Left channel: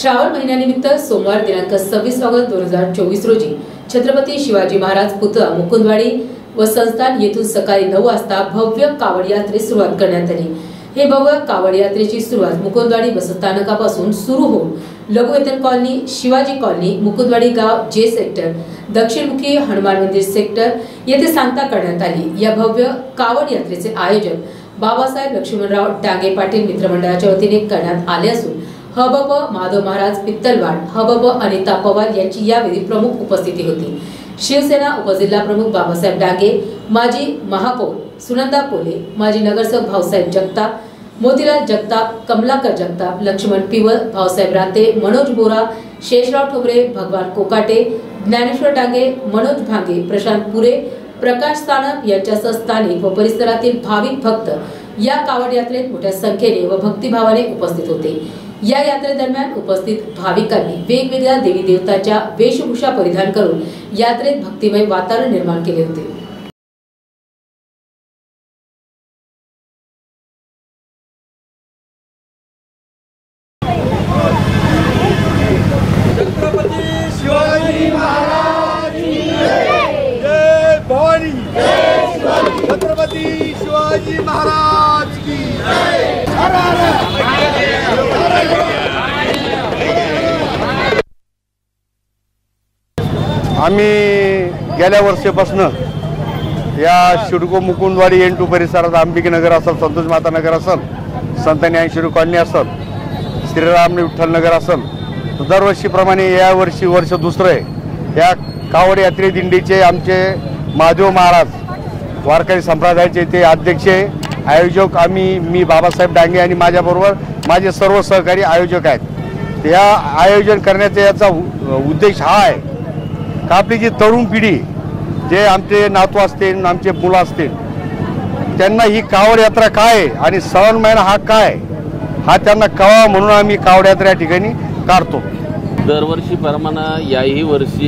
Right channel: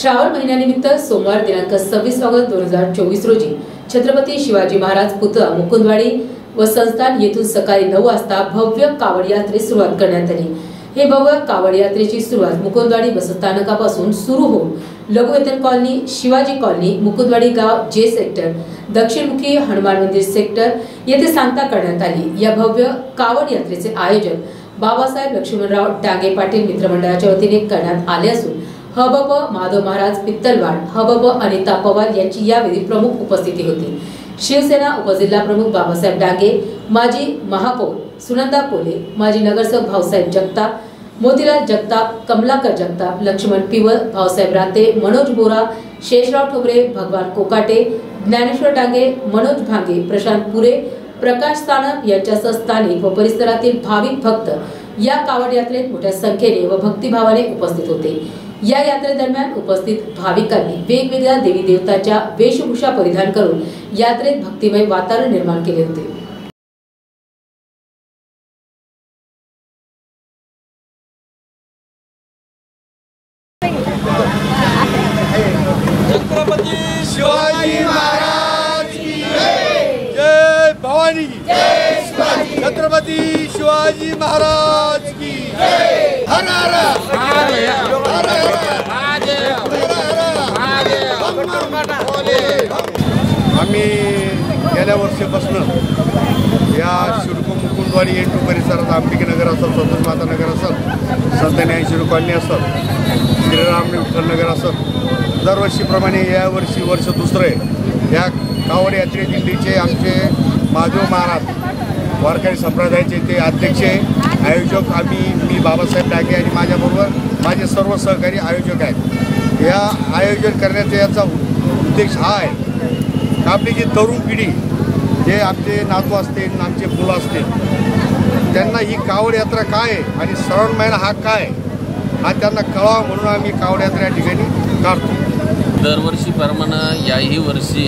श्रावण महिन्यानिमित्त सोमवार दिनांक सव्वीस ऑगस्ट दोन हजार चोवीस रोजी छत्रपती शिवाजी महाराज पुतळा मुकुंदवाडी व संस्थान येथून सकाळी नऊ वाजता भव्य कावड यात्रेस सुरुवात करण्यात आली. हे भव्य कावड यात्रेची सुरुवात मुकुंदवाडी बसस्थानकापासून सुरू होऊन लघुवेतन कॉलनी शिवाजी कॉलनी मुकुंदवाडी गाव जे सेक्टर दक्षिणमुखी हनुमान मंदिर सेक्टर येथे सांगता करण्यात आली. या भव्य कावड यात्रेचे आयोजन बाबासाहेब लक्ष्मणराव डांगे पाटील मित्रमंडळाच्या वतीने करण्यात आले असून हबप माधव महाराज पित्तलवाड हबप अनिता पवार यांची यावेळी प्रमुख उपस्थिती होती. शिवसेना उपजिल्हा प्रमुख बाबासाहेब डांगे माजी महापौर सुनंदा कोले माजी नगरसेवक भाऊसाहेब जगताप मोतीलाल जगताप कमलाकर जगताप लक्ष्मण पिवळ भाऊसाहेब राते मनोज बोरा शेषराव ठोबरे भगवान कोकाटे ज्ञानेश्वर डांगे मनोज भांगे प्रशांत पुरे प्रकाश सानप यांच्यासह स्थानिक व परिसरातील भाविक भक्त या कावड यात्रेत मोठ्या संख्येने व भक्तिभावाने उपस्थित होते. या यात्रेदरम्यान उपस्थित भाविकांनी वेगवेगळ्या देवी देवतांच्या वेशभूषा परिधान करून यात्रेत भक्तिमय वातावरण निर्माण केले होते. आम्ही गेल्या वर्षीपासून या शिडको मुकुंदवाडी एन टू परिसरात आंबिक नगर असत संतोष माता नगर असत संत ऐंशी कॉलनी असत श्रीराम विठ्ठल नगर असत दरवर्षीप्रमाणे या वर्षी वर्ष दुसरं आहे. या कावड यात्रे दिंडीचे आमचे माधव महाराज वारकरी संप्रदायाचे ते अध्यक्ष आयोजक आम्ही मी बाबासाहेब डांगे आणि माझ्याबरोबर माझे सर्व सहकारी आयोजक आहेत. या आयोजन करण्याचा याचा उद्देश हा आहे. आपली जी तरुण पिढी जे आमचे नातू असतील आमचे मुलं असतील त्यांना ही कावड यात्रा काय आहे आणि श्रावण महिना हा काय हा त्यांना कळावा म्हणून आम्ही कावड यात्रा या ठिकाणी काढतो. दरवर्षीप्रमाणे याही वर्षी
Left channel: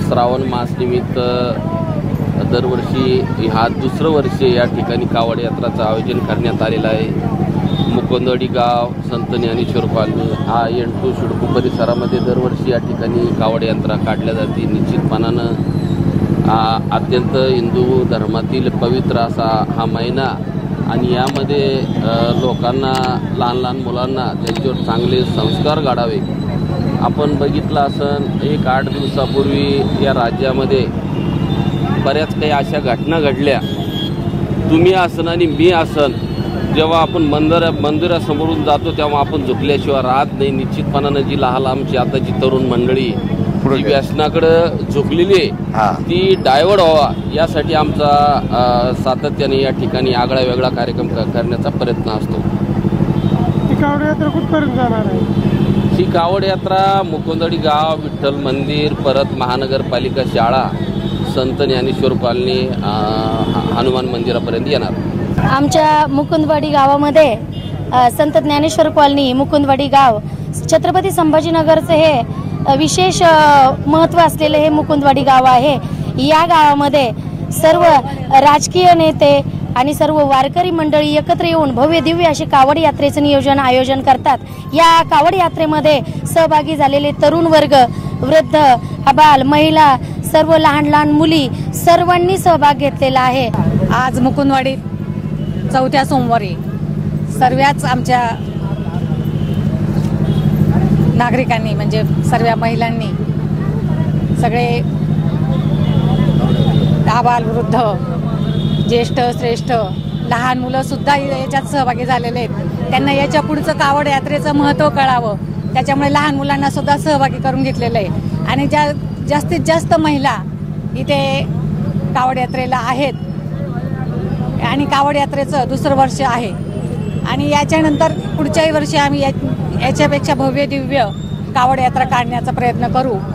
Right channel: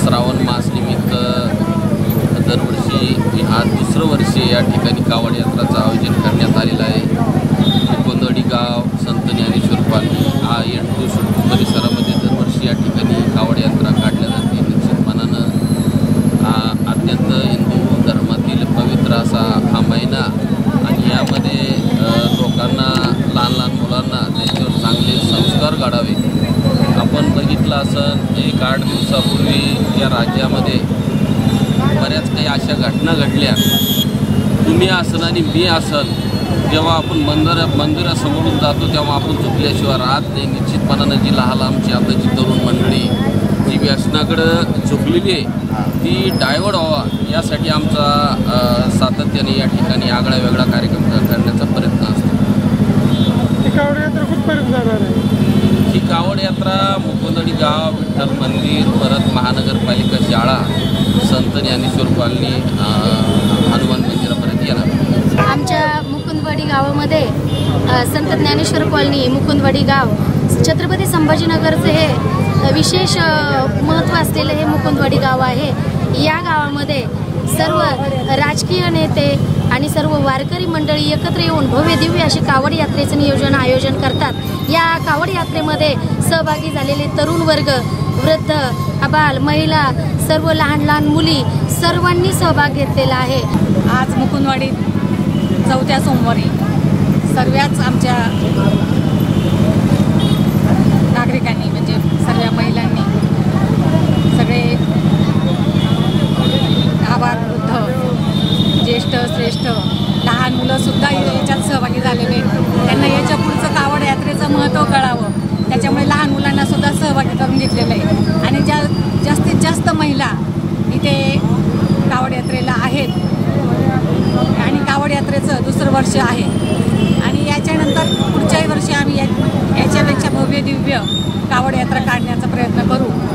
श्रावण मास निमित्त दरवर्षी हा दुसरं वर्षी या ठिकाणी कावड यात्राचं आयोजन करण्यात आलेलं आहे. गोंधळी गाव संत ज्ञानेश्वर पाणी हा एंटू परिसरामध्ये दरवर्षी या ठिकाणी कावड यात्रा काढल्या जाते. निश्चितपणानं हा अत्यंत हिंदू धर्मातील पवित्र असा हा महिना आणि यामध्ये लोकांना लहान लहान मुलांना त्यांच्यावर चांगले संस्कार काढावे आपण बघितलं असं एक आठ दिवसापूर्वी या राज्यामध्ये बऱ्याच काही अशा घटना घडल्या. तुम्ही असणं मी असन जेव्हा आपण मंदिर मंदिरासमोरून जातो तेव्हा आपण झोपल्याशिवाय राहत नाही निश्चितपणाने जी लहान आमची आताची तरुण मंडळी जी व्यसनाकडे झोपलेली आहे हा. ती डायव्हर्ट व्हावा. यासाठी आमचा सातत्याने या ठिकाणी आगळा वेगळा कार्यक्रम करण्याचा प्रयत्न असतो. ही कावड यात्रा मुकुंदरी गाव विठ्ठल मंदिर परत महानगरपालिका शाळा संत ज्ञानेश्वर कॉलनी अ, हनुमान मंदिरापर्यंत येणार. आमच्या मुकुंदवाडी गावामध्ये संत ज्ञानेश्वर कॉलनी मुकुंदवाडी गाव. छत्रपती संभाजीनगरचे हे विशेष महत्त्व असलेले हे मुकुंदवाडी गाव आहे. या गावामध्ये सर्व राजकीय नेते आणि सर्व वारकरी मंडळी एकत्र येऊन भव्य दिव्य अशी कावड यात्रेचे नियोजन आयोजन करतात. या कावड यात्रेमध्ये सहभागी झालेले तरुण वर्ग वृद्ध अबाल महिला सर्व लहान लहान मुली सर्वांनी सहभाग घेतलेला आहे. आज मुकुंदवाडी चौथ्या सोमवारी सर्वच आमच्या नागरिकांनी म्हणजे सर्व महिलांनी सगळे आबाल वृद्ध ज्येष्ठ श्रेष्ठ लहान मुलं सुद्धा याच्यात सहभागी झालेले आहेत. त्यांना याच्या पुढचं आवड यात्रेचं महत्त्व कळावं. त्याच्यामुळे लहान मुलांना सुद्धा सहभागी करून घेतलेले आहे. आणि ज्या जास्तीत जास्त महिला इथे कावड यात्रेला आहेत आणि कावड यात्रेचं दुसरं वर्ष आहे. आणि याच्यानंतर पुढच्याही वर्षी आम्ही या- याच्यापेक्षा भव्य दिव्य कावड यात्रा काढण्याचा प्रयत्न करू.